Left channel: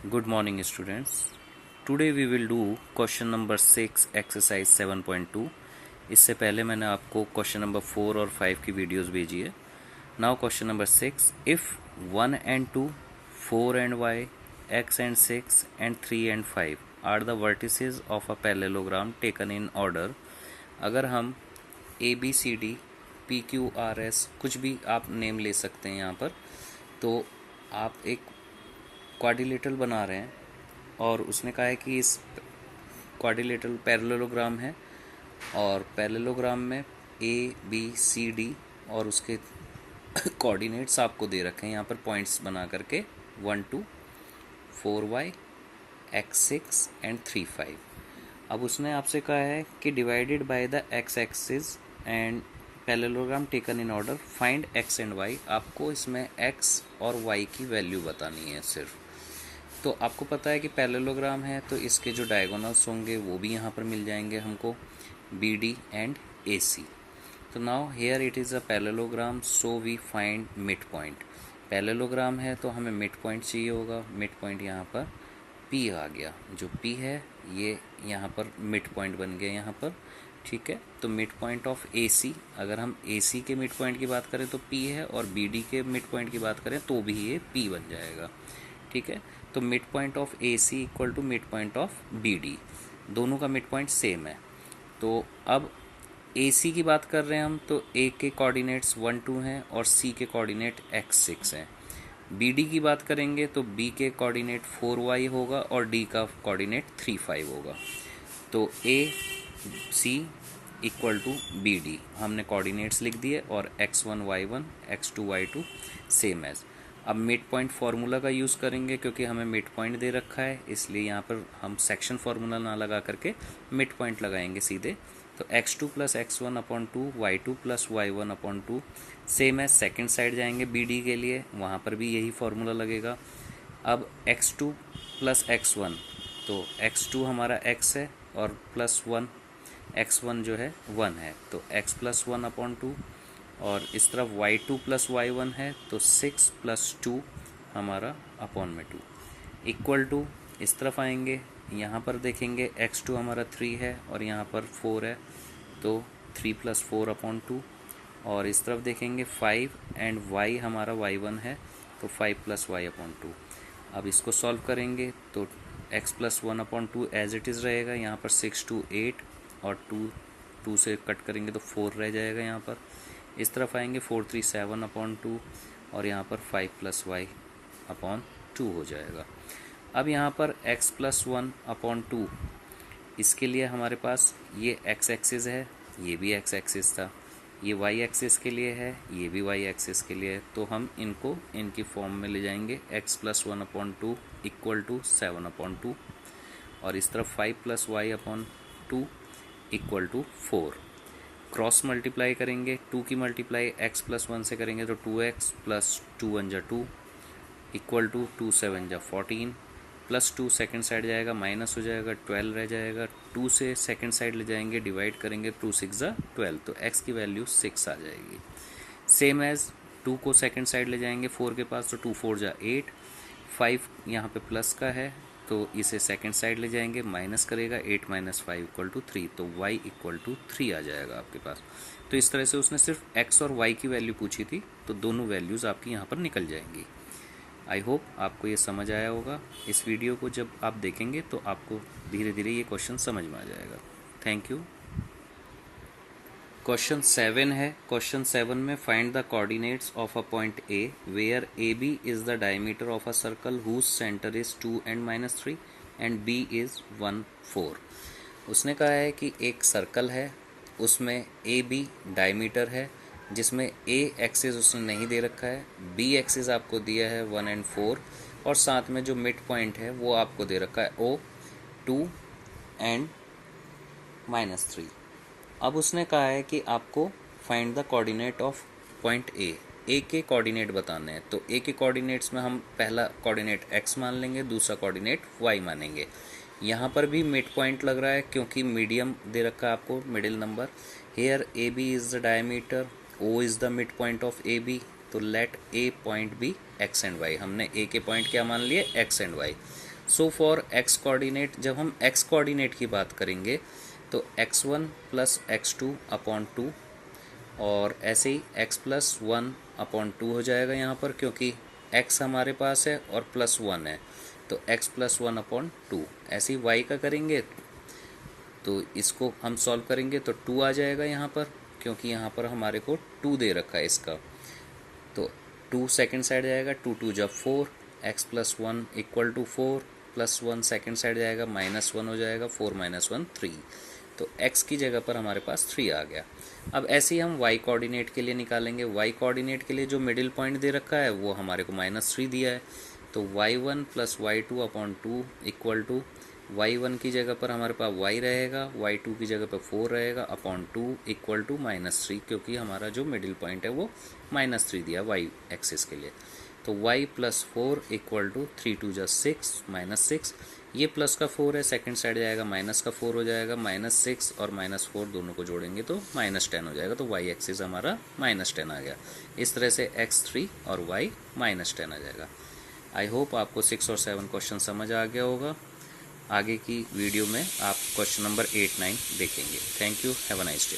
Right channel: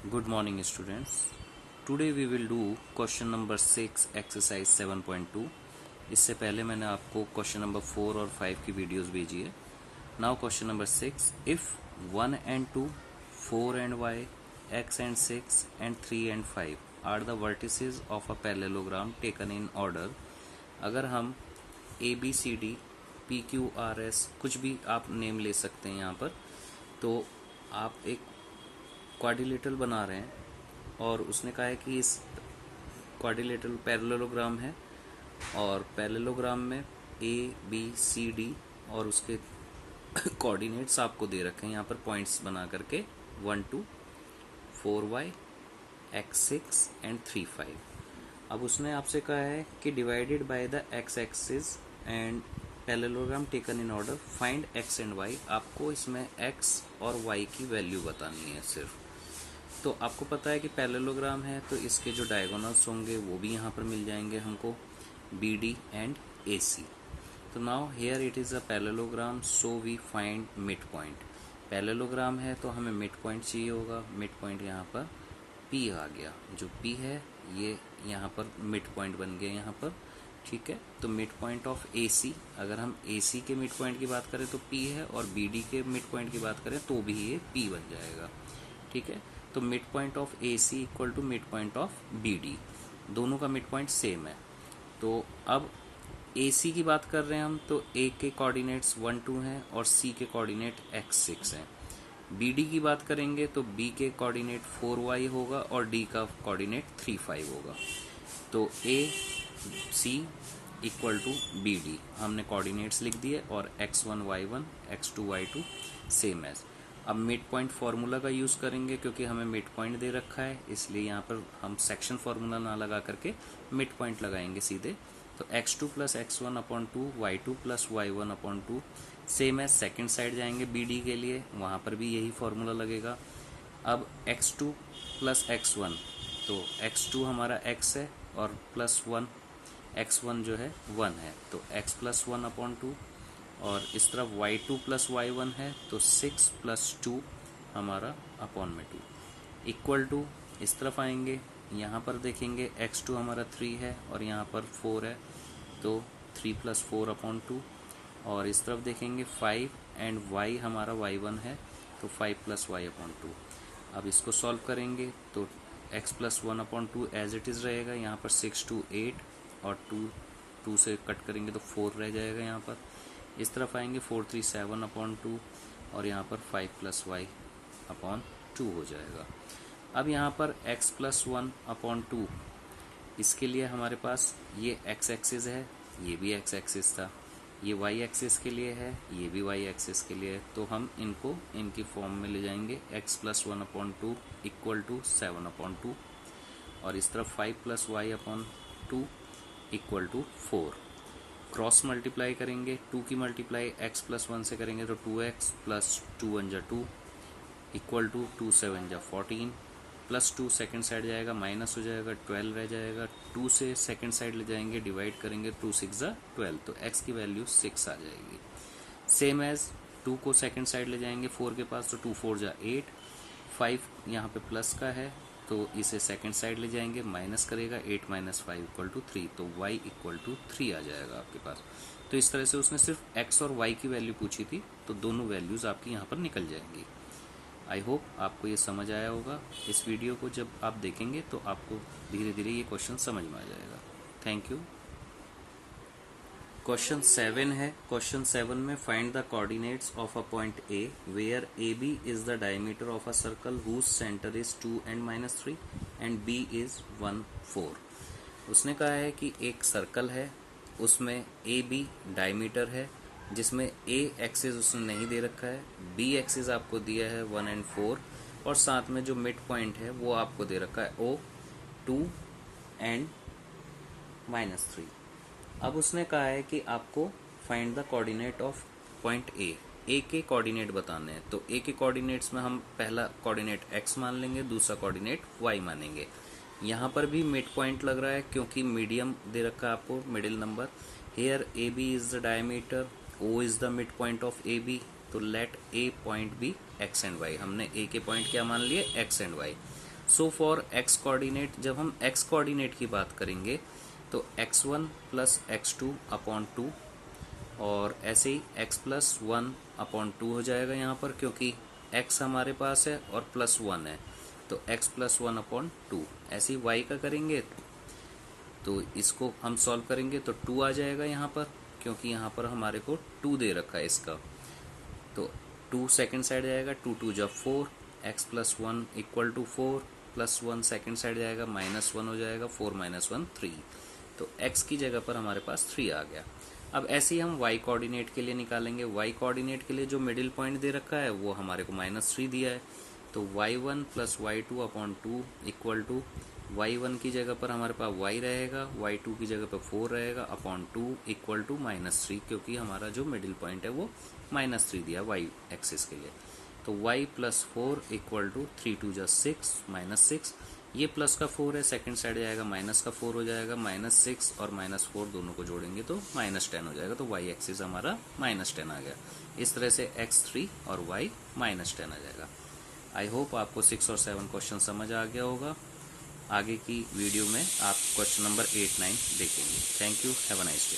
Good morning students. Today we will do question number 6 exercise 7.2. इससे पहले मैंने आपको क्वेश्चन नंबर 4 और 5 की वीडियोस भेजी है. Now question number 6. If 1 and 2, 4 and y, x and 6 and 3 and 5 are the vertices of a parallelogram taken in order. अगर हम A B C D P Q R S कुछ भी आप name ले सकते हैं यहाँ पर, तो आप एक क्वाड्रिलेटरल बना रहे हैं और उसने कहा है कि इस क्वाड्रिलेटरल पैरेललोग्राम है और पैरेललोग्राम में ए बी सी डी और उसके कोऑर्डिनेट्स आपको दे रखे हैं यहाँ पर पॉइंट्स बना करके 1 2 4y x6 एंड 3 5. अब उसने आपसे कहा है कि divided by the x axis and parallelogram taken in order find x and y. आपको इसमें x और y की वैल्यू बतानी है सिर्फ. तो आपको पता है कि पैरेललोग्राम है तो इसके जो डायगोनल्स होंगे वो भी यहाँ पर मिल जाएंगे हमको, B D and A C. तो now here it is a parallelogram, so we find mid point. Parallelogram है तो हमें मिड पॉइंट चाहिए होगा. मिड पॉइंट यहाँ पर P आ गया. जो P है ये यहाँ पर मिड पॉइंट बन गया यहाँ पर. ठीक है, तो मिड पॉइंट ऑफ ए सी, अगर हम ए सी के मिड पॉइंट की बात करें तो P है और बी डी के मिड पॉइंट की बात करें तो भी ये P बन जाएगा. ठीक है, तो mid point of A C equal to mid point of B D, दोनों का मिड पॉइंट सेम है. तो अब ए सी की बात कर रहे हैं हम, तो ए के कोऑर्डिनेट्स 1 2 हैं और सी के कोऑर्डिनेट x6 हैं. बी डी की बात करेंगे तो बी के कोऑर्डिनेट 4y होगा और डी का कोऑर्डिनेट 3 5 होगा. तो A C equal to B D हमने कोऑर्डिनेट्स लिख दिए और x1 y1 x2 y2 same as. अब मिड पॉइंट फार्मूला का यूज़ करेंगे क्योंकि हमें मिड पॉइंट दे रखा है, इसलिए यहाँ पर हम सेक्शन फार्मूला ना लगा करके मिड पॉइंट लगाएंगे सीधे. तो x2 plus x1 upon 2 y2 plus y1 upon 2 same है. सेकेंड साइड जाएंगे बी डी के लिए, वहाँ पर भी यही फार्मूला लगेगा. अब x2 प्लस x1, तो x2 हमारा x है और प्लस 1 x1 जो है 1 है, तो x प्लस 1 अपॉन 2. और इस तरफ y2 प्लस y1 है तो 6 प्लस 2 हमारा अपॉन में 2 इक्वल टू. इस तरफ आएंगे, यहाँ पर देखेंगे x2 हमारा 3 है और यहाँ पर 4 है, तो 3 प्लस 4 अपॉन 2. और इस तरफ देखेंगे 5 एंड y हमारा y1 है तो 5 प्लस y अपॉन 2. अब इसको सॉल्व करेंगे तो x plus 1 upon 2 as it is रहेगा. यहाँ पर 6 2 8 और 2 से कट करेंगे तो 4 रह जाएगा यहाँ पर. इस तरफ आएंगे 4 3 7 अपॉन 2 और यहाँ पर 5 प्लस वाई अपॉन 2 हो जाएगा. अब यहाँ पर x प्लस 1 अपॉन 2, इसके लिए हमारे पास ये x एक्सिस है, ये भी x एक्सिस था, ये y एक्सिस के लिए है, ये भी y एक्सिस के लिए है. तो हम इनको इनकी फॉर्म में ले जाएंगे. x plus 1 upon 2 equal to 7 upon 2 और इस तरफ 5 plus y upon 2 equal to 4. Cross multiply करेंगे, 2 की मल्टीप्लाई x प्लस 1 से करेंगे तो 2x प्लस 2 1 जा 2 इक्वल टू 2 7 जा 14 प्लस 2 सेकेंड साइड जाएगा माइनस हो जाएगा 12 रह जाएगा. 2 से सेकेंड साइड ले जाएंगे डिवाइड करेंगे 2 6 जा 12, तो x की वैल्यू 6 आ जाएगी. सेम एज 2 को सेकेंड साइड ले जाएंगे 4 के पास तो 2 4 जा 8, 5 यहाँ पे प्लस का है तो इसे सेकेंड साइड ले जाएंगे माइनस करेगा 8 माइनस 5 इक्वल टू 3, तो y इक्वल टू 3 आ जाएगा आपके पास. तो इस तरह से उसने सिर्फ x और y की वैल्यू पूछी थी, तो दोनों वैल्यूज़ आपकी यहाँ पर निकल जाएंगी. आई होप आपको ये समझ आया होगा. इस वीडियो को जब आप देखेंगे तो आपको धीरे धीरे ये क्वेश्चन समझ में आ जाएगा. Thank you. क्वेश्चन 7 है. क्वेश्चन 7 में find the coordinates of a point A where A B is the diameter of a circle whose centre is 2 and -3 and B is 1 4. उसने कहा है कि एक सर्कल है, उसमें ए बी डायमीटर है, जिसमें ए एक्सिस उसने नहीं दे रखा है, बी एक्सिस आपको दिया है 1 and 4 और साथ में जो मिड पॉइंट है वो आपको दे रखा है O 2 and -3. अब उसने कहा है कि आपको find the coordinate of point A के कोऑर्डिनेट बताने हैं. तो ए के कोऑर्डिनेट्स में हम पहला कोऑर्डिनेट x मान लेंगे, दूसरा कोऑर्डिनेट y मानेंगे. यहाँ पर भी मिड पॉइंट लग रहा है क्योंकि मीडियम दे रखा है आपको, middle number. Here A B is the diameter, O is the mid point of A B, तो let A point be x and y. हमने ए के पॉइंट क्या मान लिए, x and y. So for x coordinate, जब हम x coordinate की बात करेंगे तो x1 प्लस x2 अपॉन 2, और ऐसे ही x प्लस 1 अपॉन 2 हो जाएगा यहाँ पर, क्योंकि x हमारे पास है और प्लस 1 है, तो x प्लस 1 अपॉन 2। ऐसे ही y का करेंगे तो इसको हम सॉल्व करेंगे तो 2 आ जाएगा यहाँ पर, क्योंकि यहाँ पर हमारे को 2 दे रखा है इसका, तो 2 सेकेंड साइड जाएगा, 2 2 जब 4, x plus 1 equal to 4 plus 1 second side जाएगा, माइनस 1 हो जाएगा, 4 माइनस 1 3, तो x की जगह पर हमारे पास 3 आ गया। अब ऐसे ही हम y कोऑर्डिनेट के लिए निकालेंगे। y कोऑर्डिनेट के लिए जो मिडिल पॉइंट दे रखा है वो हमारे को -3 दिया है, तो y1 plus y2 upon 2 equal to y1 की जगह पर हमारे पास y रहेगा, y2 की जगह पर 4 रहेगा अपॉन 2 इक्वल टू -3, क्योंकि हमारा जो मिडिल पॉइंट है वो -3 दिया y एक्सिस के लिए। तो y प्लस 4 इक्वल टू 3 2 जा 6 -6, ये प्लस का 4 है, सेकंड साइड जाएगा, माइनस का 4 हो जाएगा, -6 और -4 दोनों को जोड़ेंगे तो -10 हो जाएगा, तो y एक्सिस हमारा -10 आ गया। इस तरह से x3 और y -10 आ जाएगा। आई होप आपको 6 और 7 क्वेश्चन समझ आ गया होगा। आगे की वीडियो में आप क्वेश्चन नंबर 8 9 देखेंगे। Thank you, have a nice day.